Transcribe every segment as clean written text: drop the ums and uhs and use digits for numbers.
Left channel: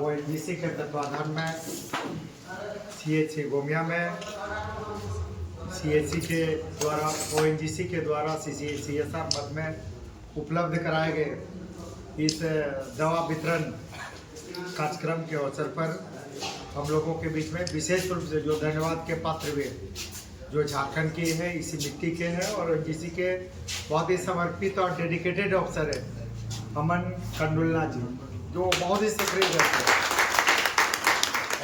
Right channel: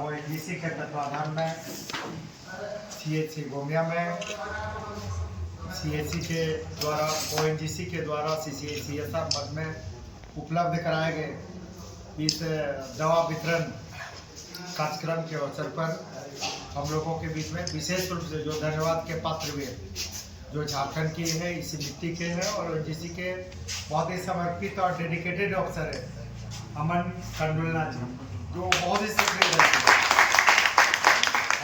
ONGC के तत्वाधान में सीएचसी गोमिया में सीएचसी के द्वारा ओएनजीसी के द्वारा सीएसआर मद में उपलब्ध कराए गए इस दवा वितरण कार्यक्रम के अवसर पर हम लोगों के बीच में विशेष रूप से जो धन्यवाद के पात्र हुए जो झारखंड के हैं, इसी मिट्टी के हैं और ओएनजीसी के बहुत ही समर्पित और डेडिकेटेड अफसर है अमन कंडुलना जी, जो बहुत ही सक्रिय रहते हैं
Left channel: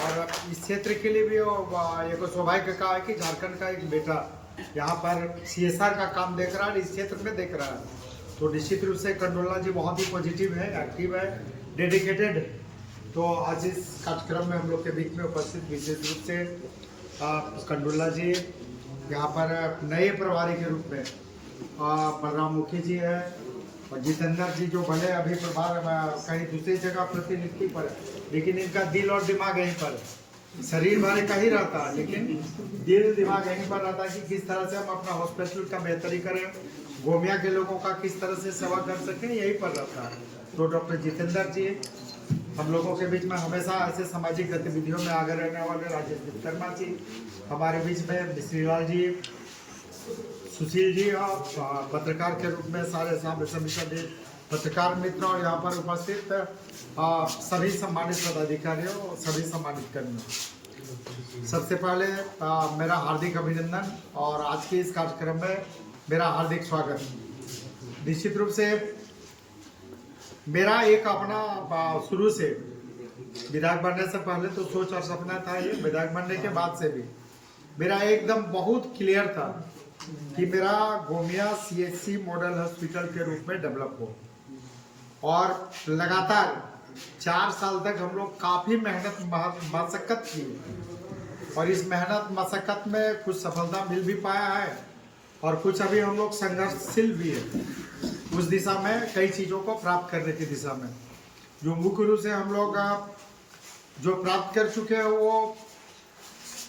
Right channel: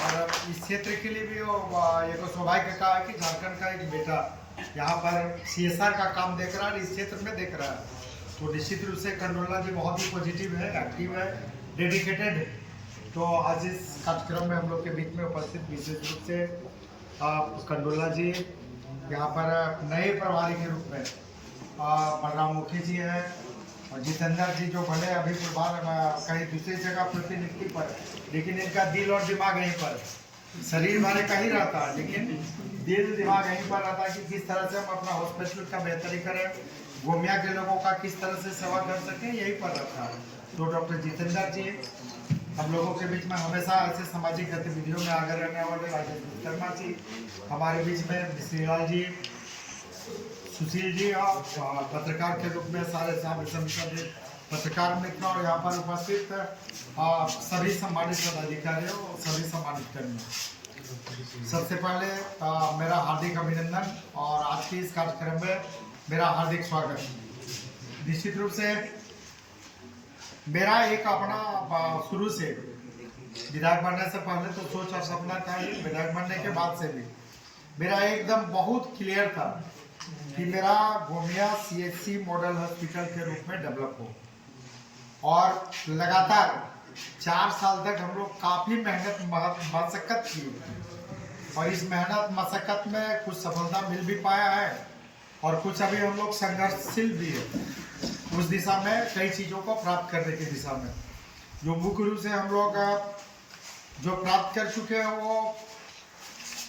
और इस क्षेत्र के लिए भी एक सौभाग्य का है कि झारखंड का एक बेटा यहाँ पर सीएसआर का काम देख रहा है, इस क्षेत्र में देख रहा है। तो निश्चित रूप से कंडुलना जी बहुत ही पॉजिटिव है, एक्टिव है, डेडिकेटेड है। तो आज इस कार्यक्रम में हम लोग के बीच में उपस्थित विशेष रूप से कंडुलना जी यहाँ पर नए प्रभारी के रूप में बलराम मुखी जी है और जितेंद्र जी जो भले अभी प्रभार कहीं दूसरी जगह प्रतिनियुक्ति पर, लेकिन इनका दिल और दिमाग यहीं पर, शरीर भारी का ही रहता है लेकिन दिल दिमाग यहीं पर रहता है कि किस तरह से हम अपना हॉस्पिटल का बेहतरी करें, गोमिया के लोगों का किस तरह से सेवा कर सकें, यहीं पर रहता है। तो डॉक्टर जितेंद्र जी हम लोगों के बीच में हमेशा ऐसे सामाजिक गतिविधियों में आगे रहने वाले राजेश विश्वकर्मा जी हमारे बीच में, श्रीलाल जी, सुशील जी और पत्रकार के रूप में सारे सभी पत्रकार मित्र और यहाँ पर उपस्थित सभी सम्मानित पदाधिकारियों और सभी सम्मानित कर्मियों, सबसे पहले मेरा हार्दिक अभिनंदन और आज के इस कार्यक्रम में मेरा हार्दिक स्वागत। निश्चित रूप से मेरा एक अपना शुरू से विधायक बनने से पहले तो सोच और सपना था, ये विधायक बनने के बाद से भी मेरा एकदम बहुत क्लियर था कि मेरा गोमिया सीएचसी मॉडल हॉस्पिटल के रूप में डेवलप हो। और लगातार 4 साल तक हम लोग काफ़ी मेहनत मशक्क़त की और इस मेहनत मशक्क़त में कुछ सफलता मिल भी पाया है और कुछ अभी हम लोग संघर्षशील भी है उस दिशा में, कई चीज़ों को प्राप्त करने की दिशा में। जो मुख्य रूप से हम लोग जो प्राप्त कर चुके हैं वो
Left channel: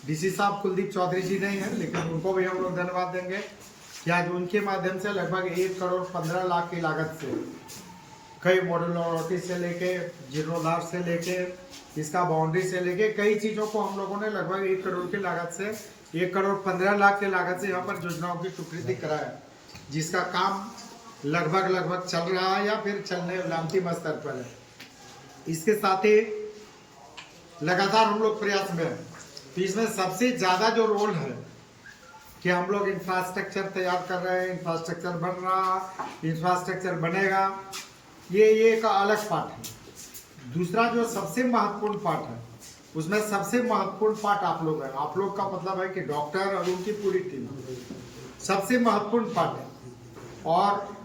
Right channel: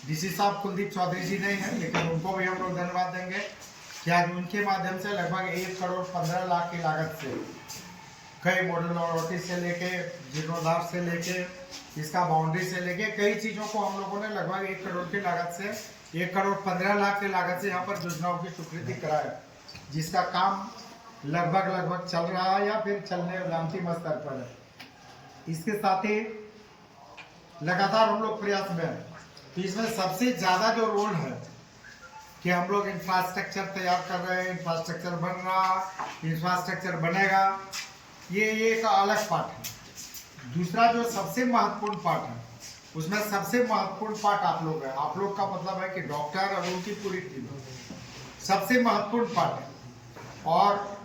डीसी साहब कुलदीप चौधरी जी नहीं है, लेकिन उनको भी हम लोग धन्यवाद देंगे कि आज उनके माध्यम से लगभग 1,15,00,000 की लागत से कई मॉडल लॉटी से लेके जीर्णोद्धार से लेके इसका बाउंड्री से लेके कई चीज़ों को हम लोगों ने लगभग 1 करोड़ की लागत से 1,15,00,000 की लागत से यहाँ पर योजनाओं की स्वीकृति कराया, जिसका काम लगभग चल रहा है या फिर चलने अंतिम स्तर पर है। इसके साथ ही लगातार हम लोग प्रयास में हैं। तो इसमें सबसे ज़्यादा जो रोल है कि हम लोग इंफ्रास्ट्रक्चर तैयार कर रहे हैं, इंफ्रास्ट्रक्चर बन रहा, इंफ्रास्ट्रक्चर बनेगा, ये एक अलग पार्ट है। दूसरा जो सबसे महत्वपूर्ण पार्ट है उसमें सबसे महत्वपूर्ण पार्ट आप लोग है। आप लोग का मतलब है कि डॉक्टर और उनकी पूरी टीम सबसे महत्वपूर्ण पार्ट है। और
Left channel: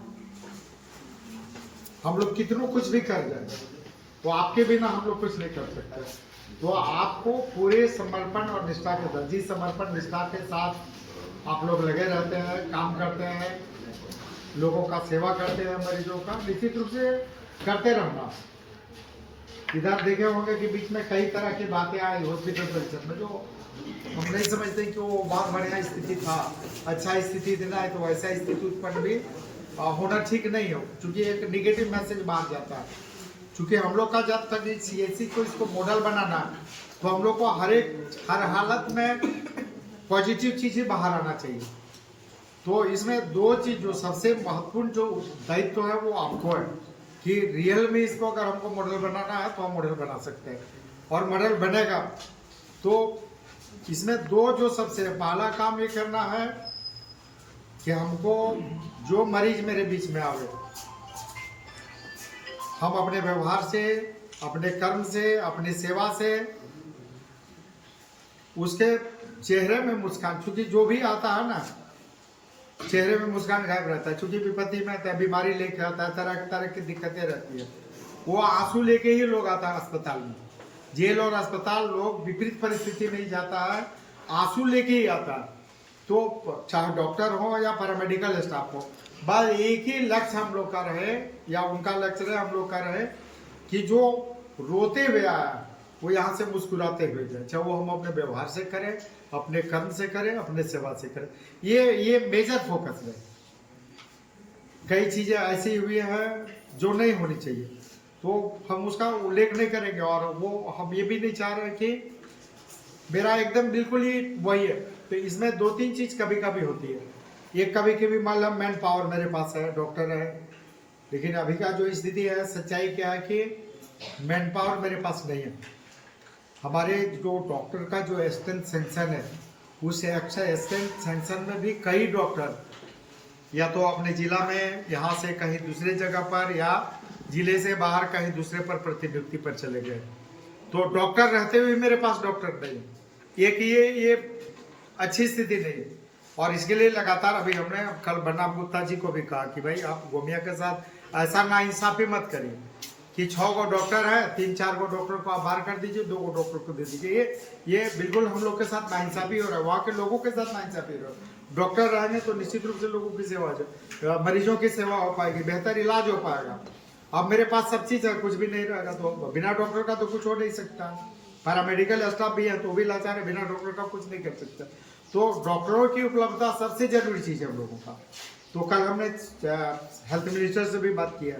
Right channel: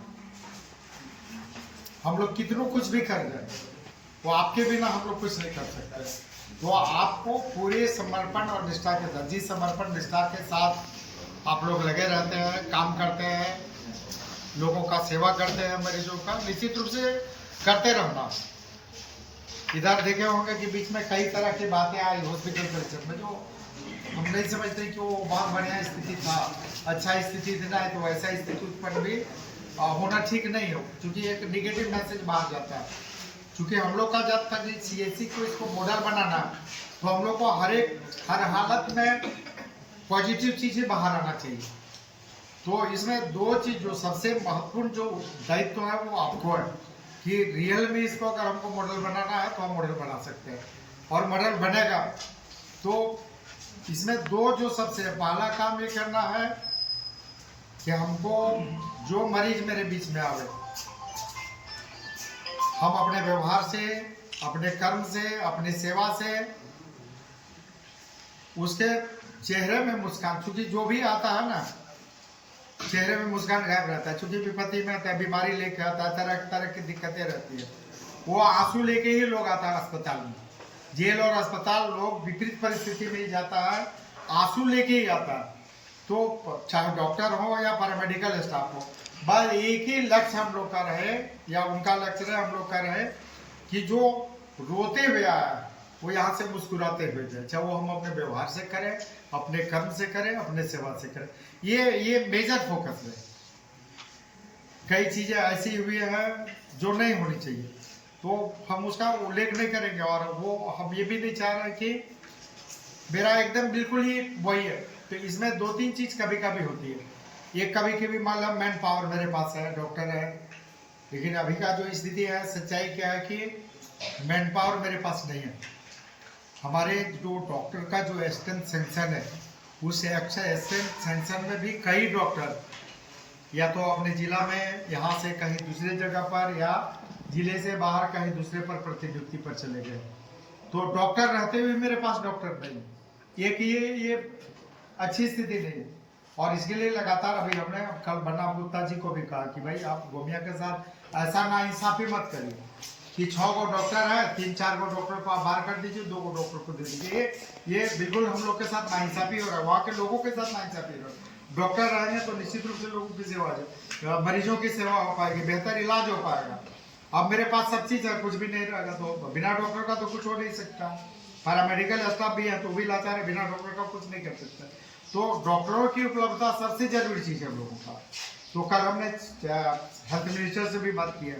हम लोग कितनों कुछ भी कर जाए तो आपके बिना हम लोग कुछ नहीं कर सकते। तो आपको पूरे समर्पण और निष्ठा के साथ, जिस समर्पण निष्ठा के साथ आप लोग लगे रहते हैं, काम करते हैं, लोगों का सेवा करते हैं, मरीजों का, निश्चित रूप से करते रहना। इधर देखे होंगे कि बीच में कई तरह की बातें आई हॉस्पिटल परिसर में, जो हम नहीं समझते कि वो बहुत बढ़िया स्थिति था, अच्छा स्थिति देना है तो वैसा स्थिति उत्पन्न भी होना ठीक नहीं हो, क्योंकि एक निगेटिव मैसेज बाहर जाता है। क्योंकि हम लोग का जब तक सीएचसी को इसको मॉडल बनाना है तो हम लोग को हर हालत में पॉजिटिव चीज़ें बाहर आना चाहिए। तो इसमें 2 चीज़ जो सबसे महत्वपूर्ण जो दायित्व है वो आपको है कि रियल में इसको अगर हमको मॉडल बनाना है तो हम मॉडल बना सकते हैं और मॉडल बनेगा। तो इसमें 2 जो सबसे पहला काम ये करना है कि हमको जो मरीज मेरे बीच में आवे, हम अपने व्यवहार से, अपने कर्म से, अपनी सेवा से उसके चेहरे में मुस्कान, क्योंकि जो भी आता है ना चेहरे में मुस्कान गायब रहता है, क्योंकि विपत्ति में आता है, बीमारी लेके आता है, तरह तरह की दिक्कतें रहती है, वो आंसू लेके ही लोग आता है अस्पताल में। जेल और अस्पताल लोग विपरीत परिस्थिति में ही जाता है, आंसू लेके ही आता है। तो चाहे डॉक्टर हो या पैरामेडिकल स्टाफ हो, बस एक ही लक्ष्य हम लोग का रहे या उनका लक्ष्य रहे, हम लोग का रहे कि जो रोते हुए आया वो यहाँ से मुस्कुराते हुए जाए, चाहे वो हम अपने व्यवहार से करें, अपने कर्म से करें, अपने सेवा से करें। ये मेजर फोकस है। कई चीज़ें ऐसी हुई हैं जो नहीं होनी चाहिए, तो हम उसका उल्लेख नहीं करेंगे। और वो हम ये भी नहीं चाह रहे कि मेरा एकदम बिल्कुल ही वही है। तो इसमें 2-3 चीज़ कभी कभी होती है। ये कभी कभी मान लो मैन पावर मेरे पास है, डॉक्टर है, लेकिन अभी का जो स्थिति है, सच्चाई क्या है कि मैन पावर मेरे पास नहीं है। हमारे जो डॉक्टर का जो असिस्टेंट सेंक्शन है, उस असिस्टेंट सेंक्शन में भी कई डॉक्टर या तो अपने ज़िला में यहाँ से कहीं दूसरे जगह पर या ज़िले से बाहर कहीं दूसरे पर प्रतिनियुक्ति पर चले गए। तो डॉक्टर रहते हुए मेरे पास डॉक्टर नहीं। ये अच्छी स्थिति नहीं है। और इसके लिए लगातार अभी हमने कल बनाम गुप्ता जी को भी कहा कि भाई आप गोमिया के साथ ऐसा नाइंसाफी मत करिए कि 6 गो डॉक्टर है, 3-4 गो डॉक्टर को आप बाहर कर दीजिए, 2 गो डॉक्टर को दे दीजिए। ये बिल्कुल हम लोग के साथ नाइंसाफी हो रहा है, वहाँ के लोगों के साथ नाइंसाफी हो रहा है। डॉक्टर रहेंगे तो निश्चित रूप से लोगों की सेवा हो जाए, मरीजों की सेवा हो पाएगी, बेहतर इलाज हो पाएगा। अब मेरे पास सब चीज़ है, कुछ भी नहीं रहेगा तो बिना डॉक्टर का तो कुछ हो नहीं सकता। पैरामेडिकल स्टाफ भी है तो भी लाचार है, बिना डॉक्टर का कुछ नहीं कर सकता। तो डॉक्टरों की उपलब्धता सबसे जरूरी चीज़ है हम लोगों का। तो कल हमने हेल्थ मिनिस्टर से भी बात किया,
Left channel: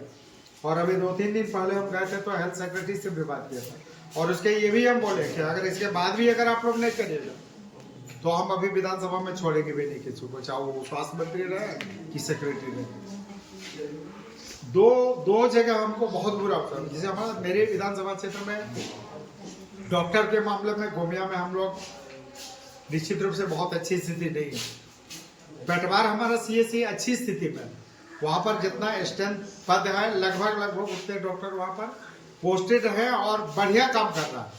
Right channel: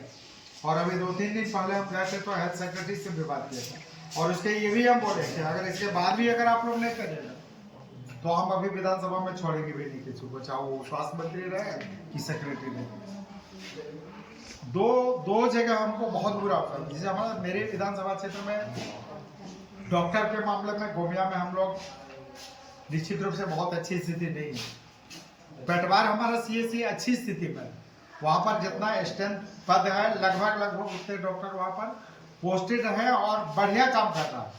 और अभी 2-3 दिन पहले हम गए थे तो हेल्थ सेक्रेटरी से भी बात किया था। और उसके ये भी हम बोले कि अगर इसके बाद भी अगर आप लोग नहीं करिएगा तो हम अभी विधानसभा में छोड़ेंगे भी नहीं किसी को, चाहे वो स्वास्थ्य मंत्री रहे कि सेक्रेटरी रहे। दो जगह हमको बहुत बुरा होता है। जैसे हमारा मेरे विधानसभा क्षेत्र में डॉक्टर के मामले में गोमिया में हम लोग निश्चित रूप से बहुत अच्छी स्थिति नहीं है। पेटवार हमारा CSC अच्छी स्थिति में, वहाँ पर जितना स्ट्रेंथ पद है लगभग उतने डॉक्टर वहाँ पर पोस्टेड है और बढ़िया काम कर रहा है।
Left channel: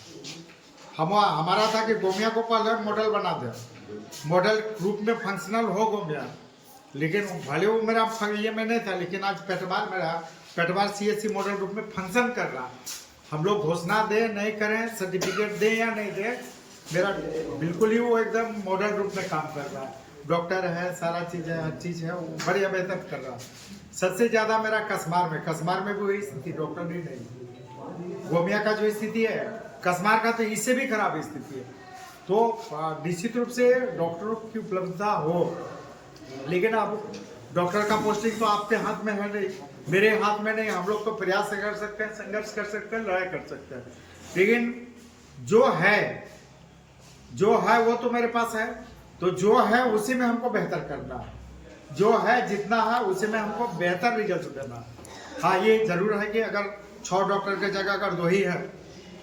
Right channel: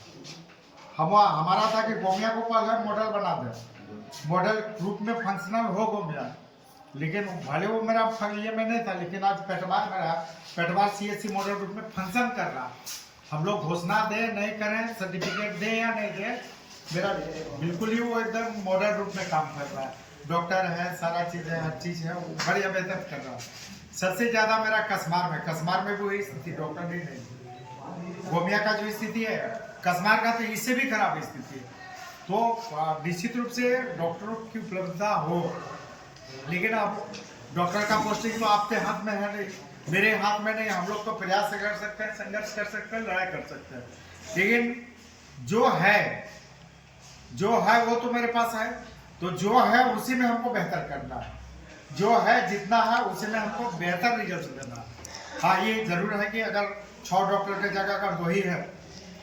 हमारा था कि गोमिया को पहले मॉडल बना दे, मॉडल ग्रुप में फंक्शनल हो गोमिया, लेकिन भले वो मेरा ये में नहीं था, लेकिन आज पेटवार CSC मॉडल ग्रुप में फंक्शन कर रहा। हम लोग घोषणा दें नहीं करें, सर्टिफिकेट दें या नहीं दें, मेरा बिल्कुल ही वो एकदम मॉडल रूप में काम कर रहा है। डॉक्टर है, सारा चीज़ है, हर चीज़ है, वो बढ़िया बेहतर कर रहा है। सबसे ज़्यादा मेरा कसमार में भी वही स्थिति, डॉक्टर भी नहीं। गोमिया का जो स्थिति है, कसमार का तो इससे भी खराब स्थिति है। तो निश्चित रूप से डॉक्टरों की उपलब्धता हो, लेकिन अब डॉक्टर का पोस्टिंग तो आपके हाथ में है नहीं, मेरे हाथ में नहीं। हम लोग तो प्रयास कर सकते हैं, संघर्ष कर सकते हैं, लड़ाई कर सकते हैं, लेकिन जो है वो तो मेरे पास है। तो जो है उसी में हमको बेहतर करना है, जो है जितना है उसी में हमको बेहतर रिजल्ट देना है। हाँ, ये जरूर है कि अगर 6 डॉक्टर की जगह अगर 2 ही है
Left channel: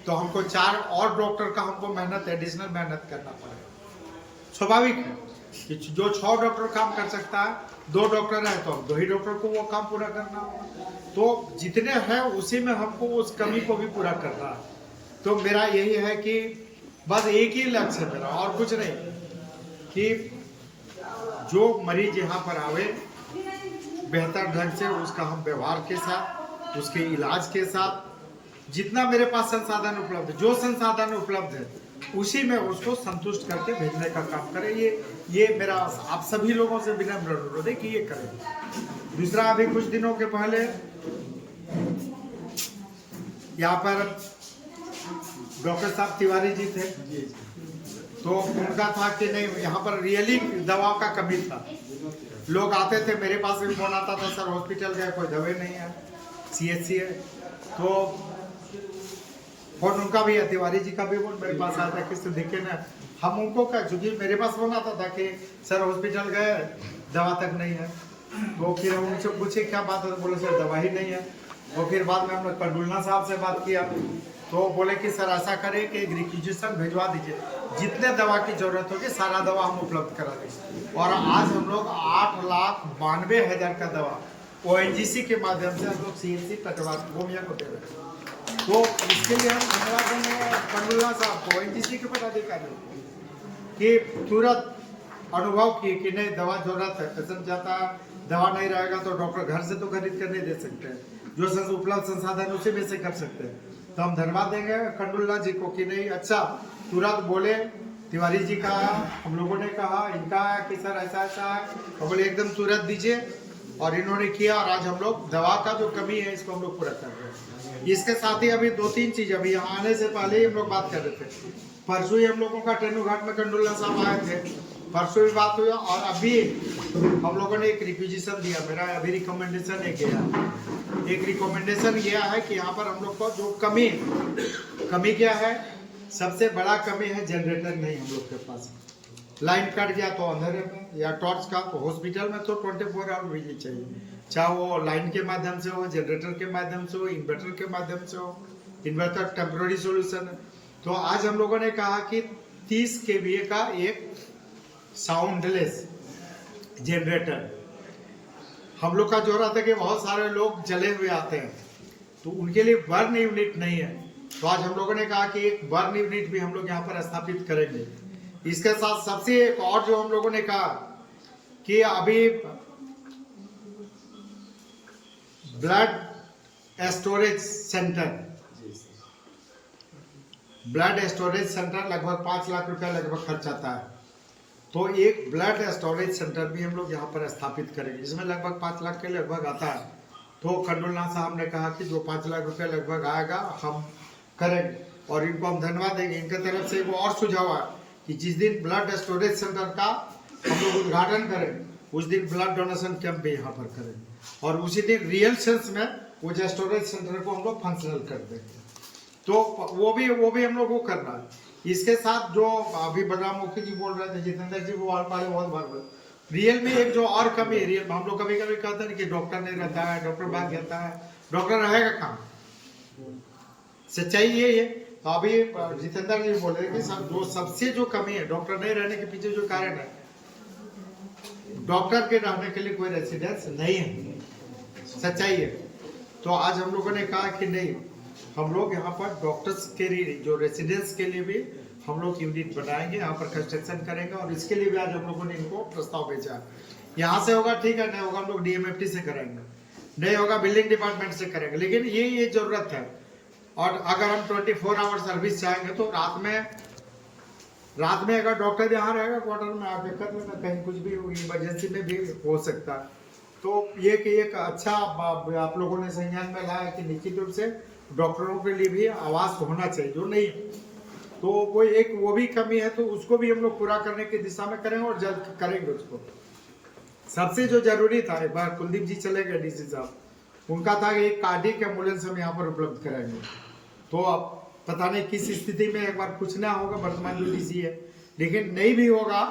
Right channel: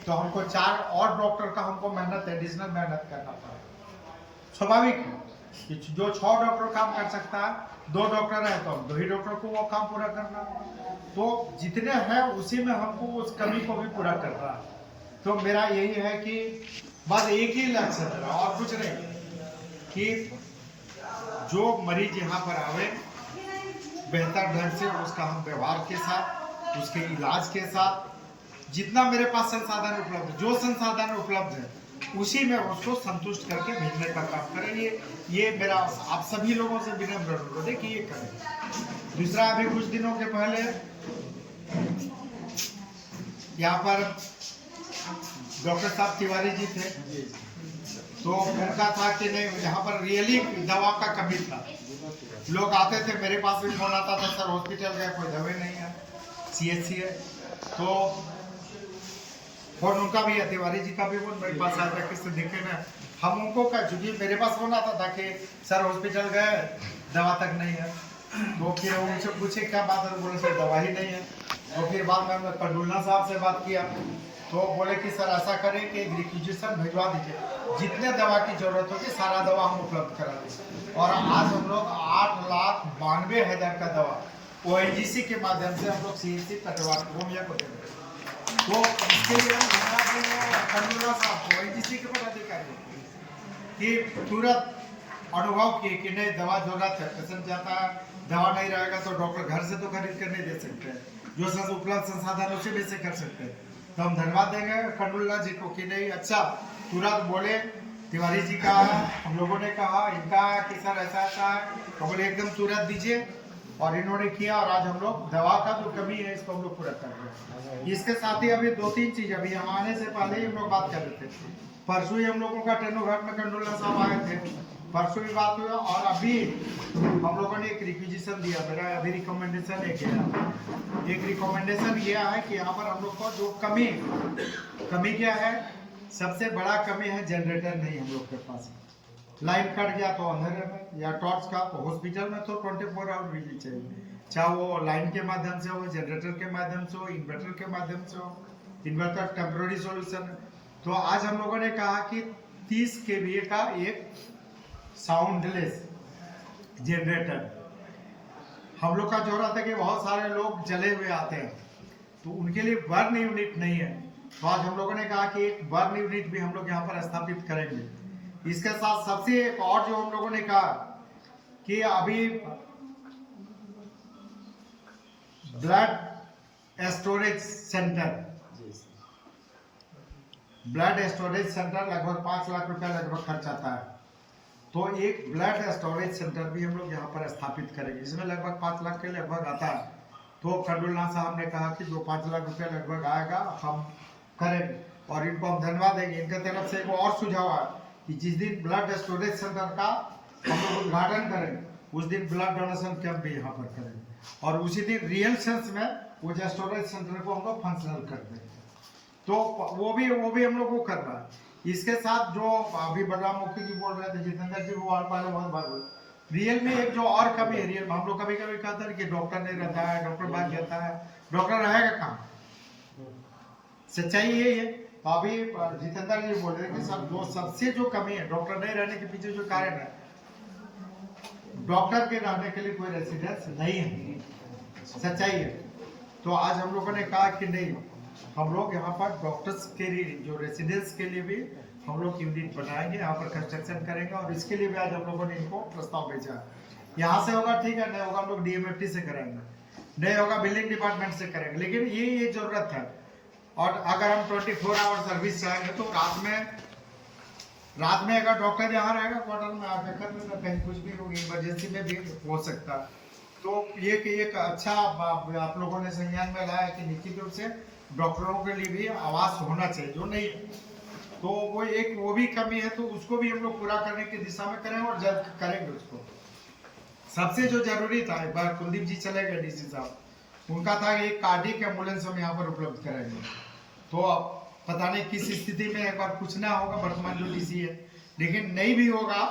तो हमको 4 और डॉक्टर का हमको एडिशनल मेहनत करना पड़ेगा। स्वाभाविक है कि जो 6 डॉक्टर काम कर सकता है, 2 डॉक्टर है तो 2 ही डॉक्टर को वो काम पूरा करना होगा। तो जितने हैं उसी में हमको उस कमी को भी पूरा करना है। तो मेरा यही है कि बस एक ही लक्ष्य है मेरा, और कुछ नहीं, कि जो मरीज यहाँ पर आवे बेहतर ढंग से उसका हम व्यवहार के साथ, उसके इलाज के साथ, जितना मेरे पास संसाधन उपलब्ध है, जो संसाधन उपलब्ध है उसी में उसको संतुष्ट करके भेजने का काम करें। ये मेरा आप सभी लोगों से विनम्र अनुरोध है कि ये करें। दूसरा, अभी कुछ दिनों के पहले यहाँ पर डॉक्टर साहब तिवारी जी थे, तो उनका था कि नहीं, यहाँ पर रियली दवा का कमी था। लोग आते थे, मेरे पास भी फोन आता था, सर हॉस्पिटल गए कोई दवाई नहीं है, CSC है। तो फोन उनका भी है, तिवारी जी का भी फोन मेरे पास आया था, किससे दिखे ना। हम उनको क्या, क्योंकि मेरे पास फोन आता था कि सर हॉस्पिटल गए दवा तक नहीं है। तो फिर उनसे पूछे क्या बात है, तो बोले सर दवा ही नहीं है। तो फिर बाद में हमने कंडुलना साहब से बात किया, तो बोले कि सर ऐसा करें कि एक रिक्विजिशन भिजवा दीजिए, जितने दवा की जरूरत होगी सारा दवा हम उपलब्ध करा देंगे। और आज हम लोग 8,92,000 का दवा ONGC के माध्यम से हम लोग CSC पेटवार गोमिया को दे रहे हैं। तो इसके लिए हम धन्यवाद देंगे कंडुलना साहब को, ONGC के पदाधिकारियों कि तुरंत अनुभव किए कि नहीं दवा जरूरत है, पेशेंट जाता है, दवा नहीं रहेगा तो डॉक्टर घर से तो खरीद कर नहीं दे सकते हैं, जो उपलब्ध संसाधन उसी में से कर सकते हैं। तो हम धन्यवाद देंगे कंडुलना जी को कि नहीं, अच्छा तुरंत बोले। तिवारी जी का हम लोगों ने कहा, इनका कि सर ऐसा ऐसा है, तो बोले एकदम तुरंत दीजिए, और इन्होंने किया। और आज हम लोग दवा का जो कमी है इसको हम लोग पूरा कर रहे हैं। इसके साथ ही अभी 2-3 चीज अभी यहाँ आने से पहले ही हम लोग बात कर रहे थे। परसों ही हम लोगों का टेनू घाट में कंडोला साहब आए थे, परसों भी बात हुई। और अभी हम लोगों ने एक रिक्विजिशन दिया, मेरा अभी रिकमेंडेशन एक रिकमेंडेशन यह है कि यहाँ पर हम लोग को जो कमी क्या है, सबसे बड़ा कमी है जनरेटर नहीं हम लोग के पास। लाइन कट गया तो अंधेरे में, या टॉर्च का, तो हॉस्पिटल में तो 24 आवर बिजली चाहिए, चाहे वो लाइन के माध्यम से हो, जनरेटर के माध्यम से हो, इन्वर्टर के माध्यम से हो। इन्वर्टर टेम्प्रोरी सॉल्यूशन है। तो आज हम लोगों ने कहा कि 30 kVA का एक साउंडलेस जनरेटर हम लोग का जरूरत है कि बहुत सारे लोग जले हुए आते हैं, तो उनके लिए बर्न यूनिट नहीं है। तो आज हम लोगों ने कहा कि एक बर्न यूनिट भी हम लोग यहाँ पर स्थापित करेंगे। इसके साथ सबसे एक और जो हम लोगों ने कहा कि अभी ब्लड स्टोरेज सेंटर लगभग 5 लाख रुपया लगभग खर्च आता है। तो एक ब्लड स्टोरेज सेंटर भी हम लोग यहाँ पर स्थापित करेंगे, इसमें लगभग 5 लाख के लगभग आता है। तो खंडूलनाथ साहब ने कहा कि जो 5 लाख रुपया लगभग आएगा हम करेंगे, और इनको हम धन्यवाद देंगे। इनके तरफ से एक और सुझाव है कि जिस दिन ब्लड स्टोरेज सेंटर का हम लोग उद्घाटन करेंगे, उस दिन ब्लड डोनेशन कैंप भी यहाँ पर करेंगे, और उसी दिन रियल सेंस में वो स्टोरेज सेंटर को हम लोग फंक्शनल कर देंगे। तो वो भी हम लोग को करना है। इसके साथ जो अभी बलराम मुखी जी बोल रहे थे, जितेंद्र जी को पहले बहुत बार रियल में एक जो और कमी है, रियल में हम लोग कभी कभी कहते हैं कि डॉक्टर नहीं रहता है, डॉक्टर भाग जाता है, डॉक्टर रहेगा कहाँ? सच्चाई ये है। तो अभी जितेंद्र जी बोल रहे कि सबसे जो कमी है डॉक्टर नहीं रहने के पीछे जो कारण है, डॉक्टर के रहने के लिए कोई रेसिडेंस नहीं है, सच्चाई है। तो आज हम लोगों ने कहा कि नहीं, हम लोग यहाँ पर डॉक्टर्स के लिए जो रेसिडेंस के लिए भी हम लोग यूनिट बनाएंगे, यहाँ पर कंस्ट्रक्शन करेंगे, और इसके लिए भी आज हम लोगों ने इनको प्रस्ताव भेजा है। यहाँ से होगा ठीक है, नहीं होगा हम लोग DMFT से कराएंगे, नहीं होगा बिल्डिंग डिपार्टमेंट से करेंगे, लेकिन ये जरूरत है। और अगर हम 24 आवर सर्विस चाहेंगे तो रात में अगर डॉक्टर यहाँ रहेगा क्वार्टर में आके कर लेगा, कहीं कुछ भी इमरजेंसी में भी हो सकता है। तो ये कि एक अच्छा आप लोगों ने संज्ञान में लाया कि निश्चित रूप से डॉक्टरों के लिए भी आवास होना चाहिए, जो नहीं है। तो वो भी कमी है, तो उसको भी हम लोग पूरा करने की दिशा में करेंगे, और जल्द करेंगे उसको। सबसे जो जरूरी था, एक बार कुलदीप जी चले गए DC साहब, उनका था एक कार्डियक एम्बुलेंस हम यहाँ पर उपलब्ध कराएंगे। तो अब पता नहीं किस स्थिति में एक बार पूछना होगा वर्तमान जो DC है, लेकिन नहीं भी होगा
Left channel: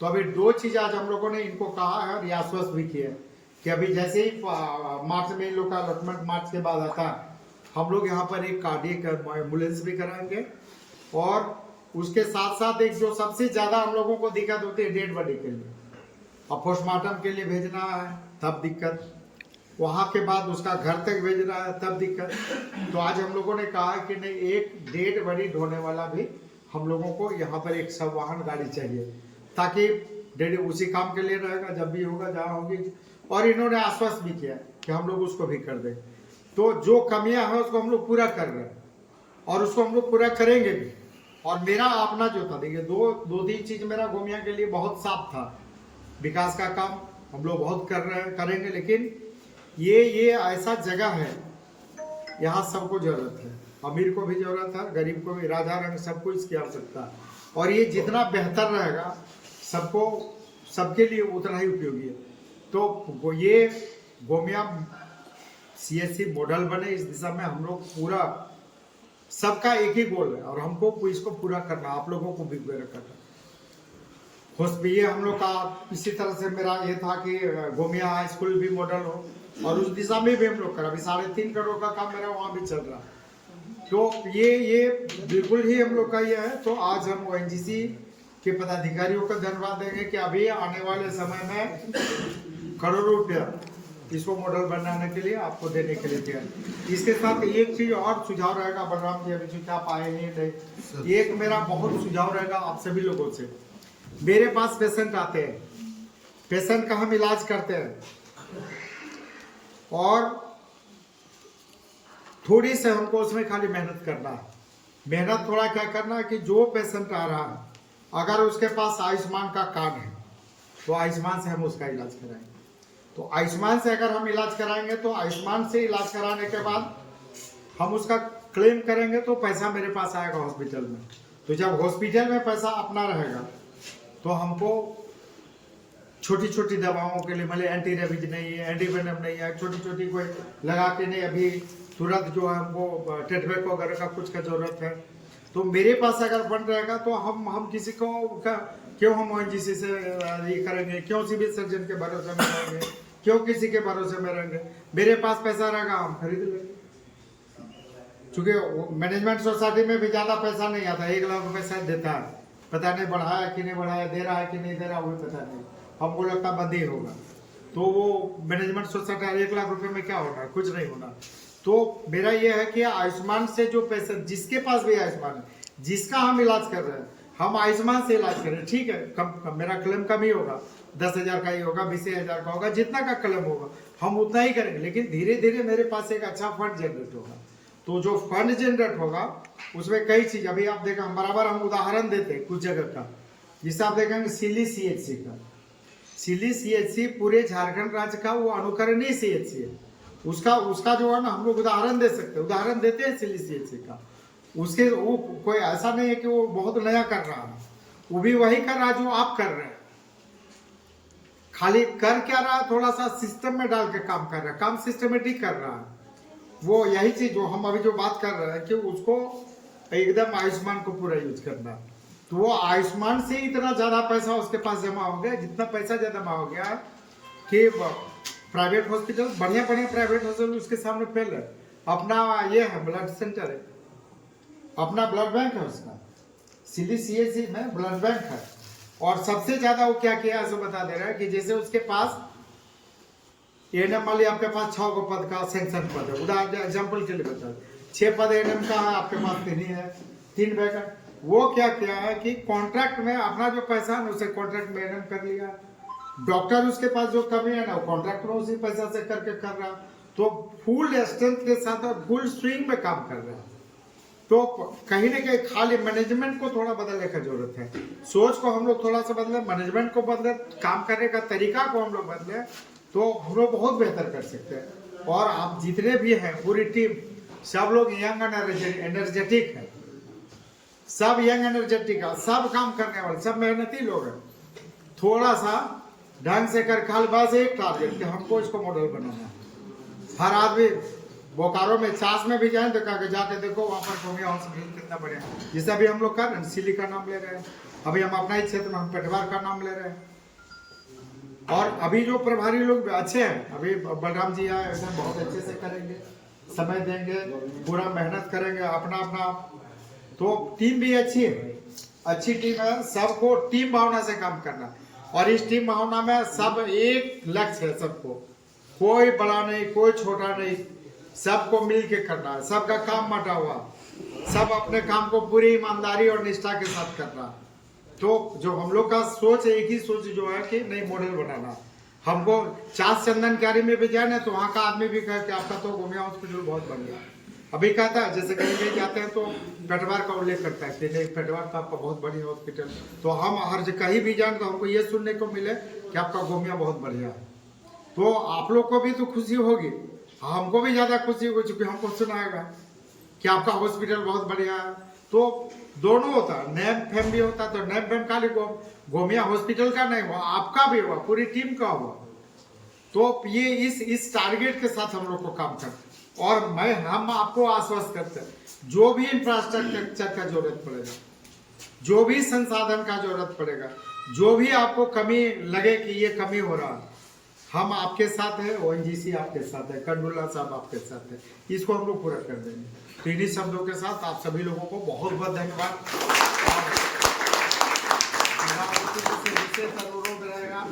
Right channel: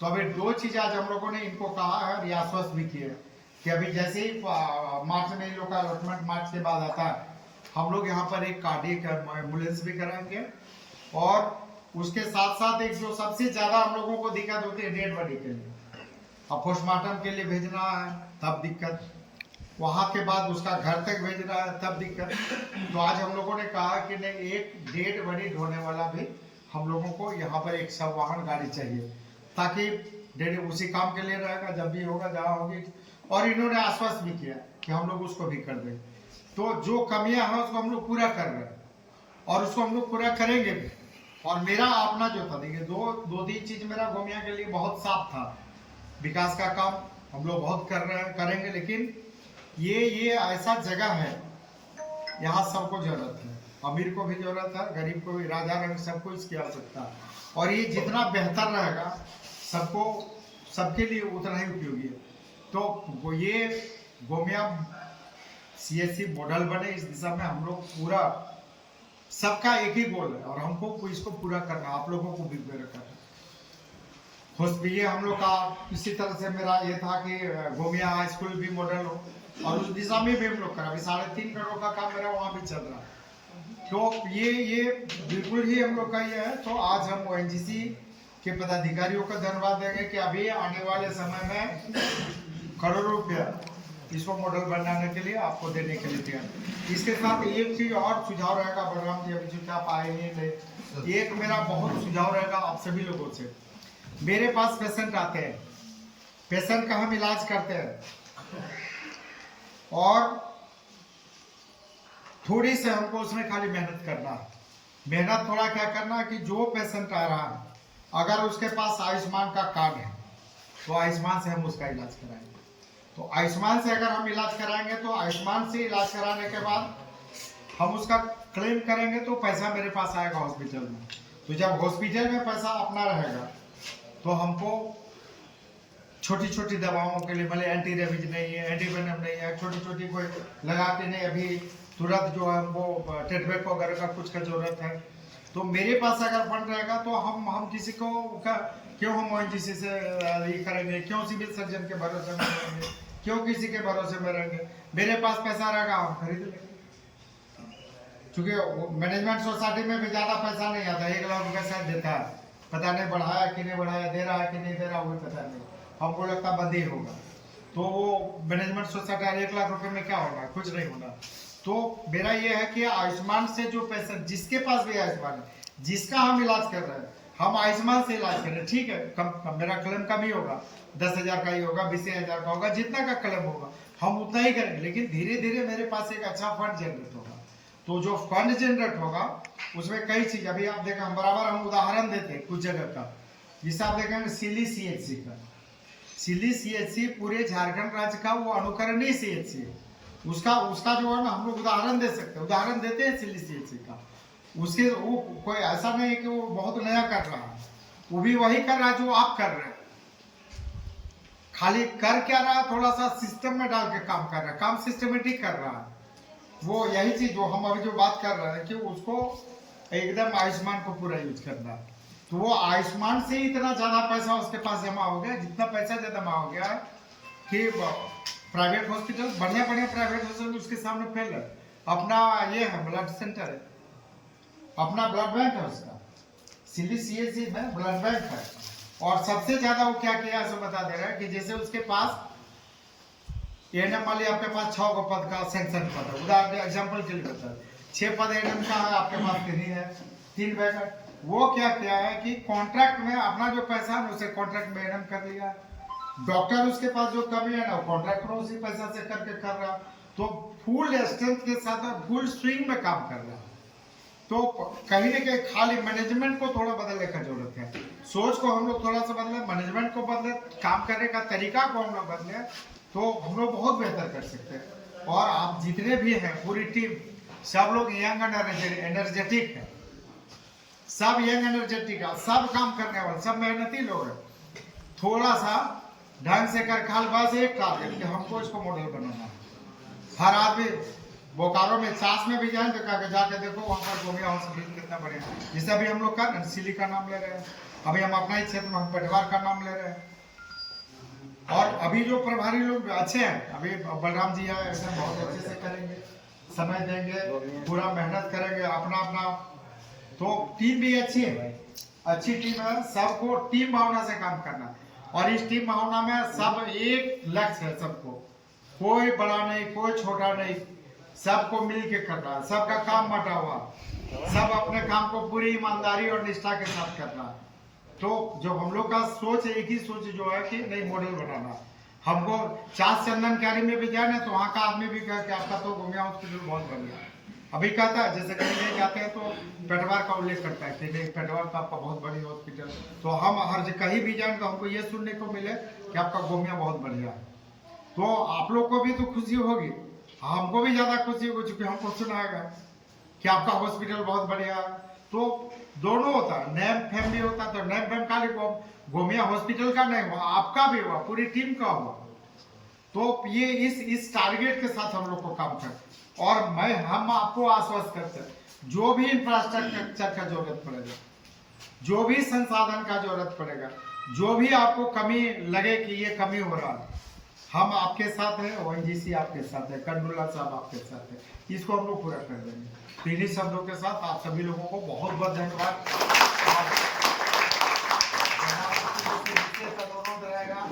तो अभी 2 चीज आज हम लोगों ने इनको कहा है और आश्वस्त भी किया है कि अभी जैसे ही मार्च में इन लोग का अलॉटमेंट मार्च के बाद आता है, हम लोग यहाँ पर एक कार्डियक एम्बुलेंस भी कराएंगे। और उसके साथ साथ एक जो सबसे ज्यादा हम लोगों को दिक्कत होती है डेड बॉडी के लिए, अब पोस्टमार्टम के लिए भेजना है तब दिक्कत, वहां के बाद उसका घर तक भेजना है तब दिक्कत। तो आज हम लोगों ने कहा कि नहीं, एक डेड बॉडी ढोने वाला भी हम लोगों को यहाँ पर एक सब वाहन गाड़ी चाहिए, ताकि डेड उसी काम के लिए रहेगा जब भी होगा जहाँ होगी। और इन्होंने आश्वस्त भी किया कि हम लोग उसको भी कर देंगे। तो जो कमियां हैं उसको हम लोग पूरा कर रहे हैं, और उसको हम लोग पूरा करेंगे भी। और मेरा अपना जो था, देखिए 2-3 चीज मेरा गोमिया के लिए बहुत साफ था। विकास का काम हम लोग बहुत कर रहे हैं, करेंगे, लेकिन ये ऐसा जगह है, यहाँ सबको जरूरत है, अमीर को भी जरूरत है, गरीब को भी, राजा रंग सबको इसकी आवश्यकता है। और ये जितना बेहतर रहेगा सबके लिए उतना ही उपयोगी है। तो ये गोमिया CSC मॉडल बने, इस दिशा में हम लोग पूरा, सबका एक ही गोल है, और हमको इसको पूरा करना, आप लोगों को भी पूरा करना। ये हम लोग का इसी तरह से मेरा ये था कि गोमिया हाई स्कूल भी मॉडल हो, और उस दिशा में भी हम लोग करा। अभी 3.5 करोड़ का काम मेरा वहाँ भी चल रहा। तो ये बिल्कुल ही हम लोग का ये है। तो आज हम ONGC के पदाधिकारियों को धन्यवाद देंगे कि अभी आने वाले समय में करोड़ों रुपया इसको मॉडल बनाने के लिए आपको देने के लिए तैयार। इसके साथ एक चीज और सुझाव रहेगा, बलराम जी अभी चूंकि आप आए नहीं थे, एक मेरा बहुत सुझाव रहेगा आप सभी लोगों से। मेरे पास पेशेंट आते हैं, पेशेंट का हम इलाज करते हैं, और थोड़ी से हमको उसमें खाली मेहनत करना है। मेहनत थोड़ा क्या करना है कि जो पेशेंट आ रहा है, अगर उसके पास आयुष्मान का कार्ड है तो आयुष्मान से हम उसका इलाज कराएंगे। तो आयुष्मान से अगर हम इलाज कराएंगे तो आयुष्मान से इलाज कराने के बाद हम उसका क्लेम करेंगे तो पैसा मेरे पास आएगा हॉस्पिटल में। तो जब हॉस्पिटल में पैसा अपना रहेगा तो हमको छोटी छोटी दवाओं के लिए मतलब एंटी रेबीज नहीं है, एंटीवेनम नहीं है, छोटी छोटी कोई लगाते नहीं, अभी तुरंत जो है हमको टेटवेक वगैरह का कुछ का जरूरत है। तो मेरे पास अगर फंड रहेगा तो हम किसी को क्यों हम ONGC से ये करेंगे, क्यों सिविल सर्जन के भरोसे में रहेंगे, क्यों किसी के भरोसे में रहेंगे। मेरे पास पैसा रहेगा हम खरीद लेंगे। चूंकि मैनेजमेंट सोसाइटी में भी ज़्यादा पैसा नहीं आता, 1 लाख रुपये शायद देता है, पता नहीं बढ़ाया कि नहीं बढ़ाया, दे रहा है कि नहीं दे रहा, वो पता नहीं, हमको लगता बंद ही होगा। तो वो मैनेजमेंट सोसाइटी 1 लाख रुपए में क्या होना है, कुछ नहीं होना। तो मेरा ये है कि आयुष्मान से जो पैसा, जिसके पास भी आयुष्मान है, जिसका हम इलाज कर रहे हैं, हम आयुष्मान से इलाज करें, ठीक है, कम मेरा क्लेम कम ही होगा, 10,000 का ही होगा, 20,000 का होगा, जितना का क्लेम होगा हम उतना ही करेंगे। लेकिन धीरे धीरे मेरे पास एक अच्छा फंड जनरेट होगा। तो जो फंड जनरेट होगा उसमें कई चीज, अभी आप देखें हम बराबर हम उदाहरण देते हैं कुछ जगह का, जिससे आप देखेंगे सिली CHC का, सिली CHC पूरे झारखंड राज्य का वो अनुकरणीय CHC है। उसका जो है ना हम लोग उदाहरण दे सकते हैं, उदाहरण देते हैं सिली CHC का। उसके वो कोई ऐसा नहीं है कि वो बहुत नया कर रहा है, वो भी वही कर रहा है जो आप कर रहे हैं, खाली कर क्या रहा है, थोड़ा सा सिस्टम में डाल के काम कर रहा है, काम सिस्टमेटिक कर रहा है। वो यही चीज जो हम अभी जो बात कर रहे हैं कि उसको एकदम आयुष्मान को पूरा यूज करना है। तो वो आयुष्मान से इतना ज्यादा पैसा उसके पास जमा हो गया, जितना पैसा जमा हो गया कि प्राइवेट हॉस्पिटल, बढ़िया बढ़िया प्राइवेट हॉस्पिटल उसके सामने फेल है। अपना ये है ब्लड सेंटर है, अपना ब्लड बैंक है उसका, सिली CHC में ब्लड बैंक है। और सबसे ज्यादा वो क्या किया है बता दे रहा है कि जैसे उसके पास ANM वाली आपके पास 6 गो पद का सेंक्शन पद है, उदाहरण एग्जाम्पल के लिए बता, 6 पद ANM का है, आपके पास 3 ही है, 3 वैकेंट। वो क्या किया है कि कॉन्ट्रैक्ट में अपना जो पैसा है उसे कॉन्ट्रैक्ट में ANM कर लिया। डॉक्टर उसके पास जो कमी है ना वो कॉन्ट्रैक्ट में उसी पैसा से करके कर रहा, तो फुल स्ट्रेंथ के साथ और फुल स्विंग में काम कर रहा है। तो कहीं ना कहीं खाली मैनेजमेंट को थोड़ा बदलने का जरूरत है, सोच को हम लोग थोड़ा सा बदले, मैनेजमेंट को बदले, काम करने का तरीका को हम लोग बदले, तो हम लोग बहुत बेहतर कर सकते हैं। और आप जितने भी हैं पूरी टीम, सब लोग यंग एनर्जेटिक है, सब यंग एनर्जेटिक है, सब काम करने वाले, सब मेहनती लोग हैं। थोड़ा सा ढंग से कर खाल, बस एक टारगेट कि हमको इसको मॉडल बनाना है। हर आदमी बोकारो में चास में भी जाए तो जाके देखो वहाँ पर गोमिया हॉस्पिटल कितना बढ़िया, जैसे अभी हम लोग कर रहे हैं सिली का नाम ले रहे हैं, अभी हम अपना ही क्षेत्र में हम पटवार का नाम ले रहे हैं। और अभी जो प्रभारी लोग अच्छे हैं, अभी बलराम जी आए, एकदम बहुत अच्छे से करेंगे, समय देंगे, पूरा मेहनत करेंगे अपना अपना। तो टीम भी अच्छी है, अच्छी टीम है, सबको टीम भावना से काम करना। और इस टीम भावना में सब एक लक्ष्य है, सबको, कोई बड़ा नहीं कोई छोटा नहीं, सबको मिल के करना है, सबका काम बटा हुआ, सब अपने काम को पूरी ईमानदारी और निष्ठा के साथ करना। तो जो हम लोग का सोच है, एक ही सोच जो है कि नहीं मॉडल बनाना। हमको चास चंदन क्यारी में भी जाए ना तो वहाँ का आदमी भी कहे कि आपका तो गोमिया हॉस्पिटल बहुत बढ़िया, अभी कहता है जैसे कहीं नहीं जाते हैं तो पेटवार का उल्लेख करता है कि नहीं पेटवार तो आपका बहुत बढ़िया हॉस्पिटल। तो हम हर जगह कहीं भी जाए तो हमको ये सुनने को मिले कि आपका गोमिया बहुत बढ़िया है, तो आप लोग को भी तो खुशी होगी, हमको भी ज्यादा खुशी होगी, चूंकि हमको सुनाएगा कि आपका हॉस्पिटल बहुत बढ़िया है। तो दोनों होता है, नेम फेम भी होता है, तो नेम फेम खाली गोमिया हॉस्पिटल का नहीं हुआ, आपका भी हुआ, पूरी टीम का हुआ। तो ये इस टारगेट के साथ हम लोग को काम कर, और हम आपको आश्वस्त करते हैं, जो भी इंफ्रास्ट्रक्चर का जरूरत पड़ेगा, जो भी संसाधन का जरूरत पड़ेगा, जो भी आपको कमी लगे कि ये कमी हो रहा है, हम आपके साथ हैं, ONGC आपके साथ है, कंडुल्ला साहब आपके साथ है, इसको हम लोग पूरा कर देंगे। तो इन्हीं शब्दों के साथ आप सभी लोगों को बहुत बहुत धन्यवाद। और मेरा विशेष अनुरोध रहेगा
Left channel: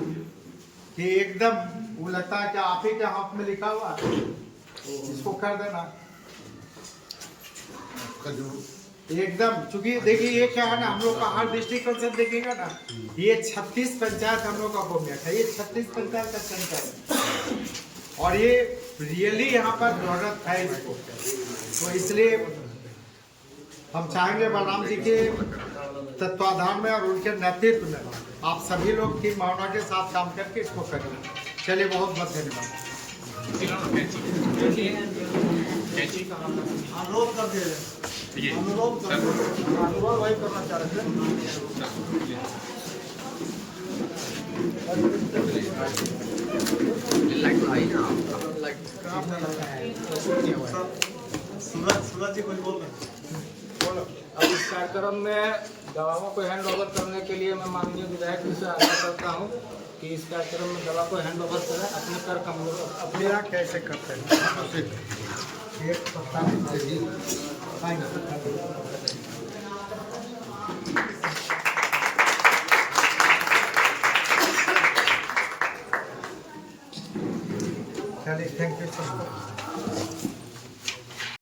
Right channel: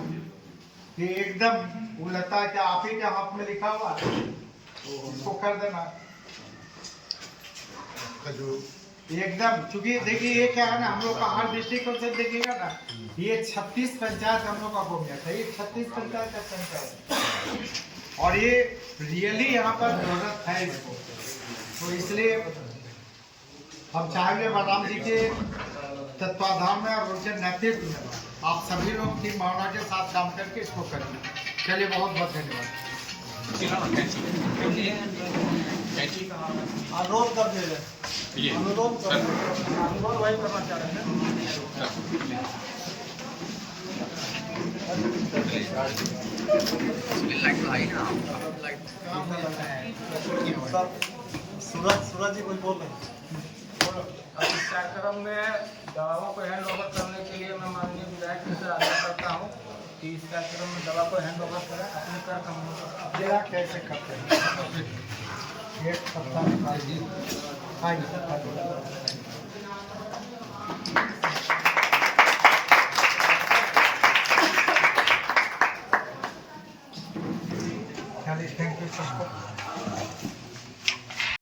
कि एकदम वो लगता है कि आप ही के हाथ में लिखा हुआ इसको कर देना एकदम। चूंकि देखिए ये क्या है ना, हम लोग का हर दृष्टिकोण से देखिएगा ना, ये 36 पंचायत हम लोग का गोमिया है, ये 36 पंचायत का पंचायत है, और ये रियली यहाँ पर जरूरत है इसको। तो इसलिए हम चाहेंगे बलराम जी के तत्वाधान में और उनके नेतृत्व में आप सभी लोग की भावना के साथ काम करके इसको करिए। चलिए बहुत बहुत धन्यवाद। कैंची अनुरोध कर दिया जाए। ये अनुरोध कर सर अनुरोध वही करना चाह रहे हैं। लाइट तो आई ना काम हो जाता है तो क्या हुआ है? सूरज जी कोई बोल रहे हैं? बोलो। अब इस कार्यक्रम में दवाओं को हैंड ओवर करने के लिए मैं माननीय विधायक से आग्रह करता हूँ कि इस कार्यक्रम में दवा को हैंड ओवर करें, अपने कार्य हम लोग अब मेरा कैसे करते हैं? एक पत्ता निकाल दी।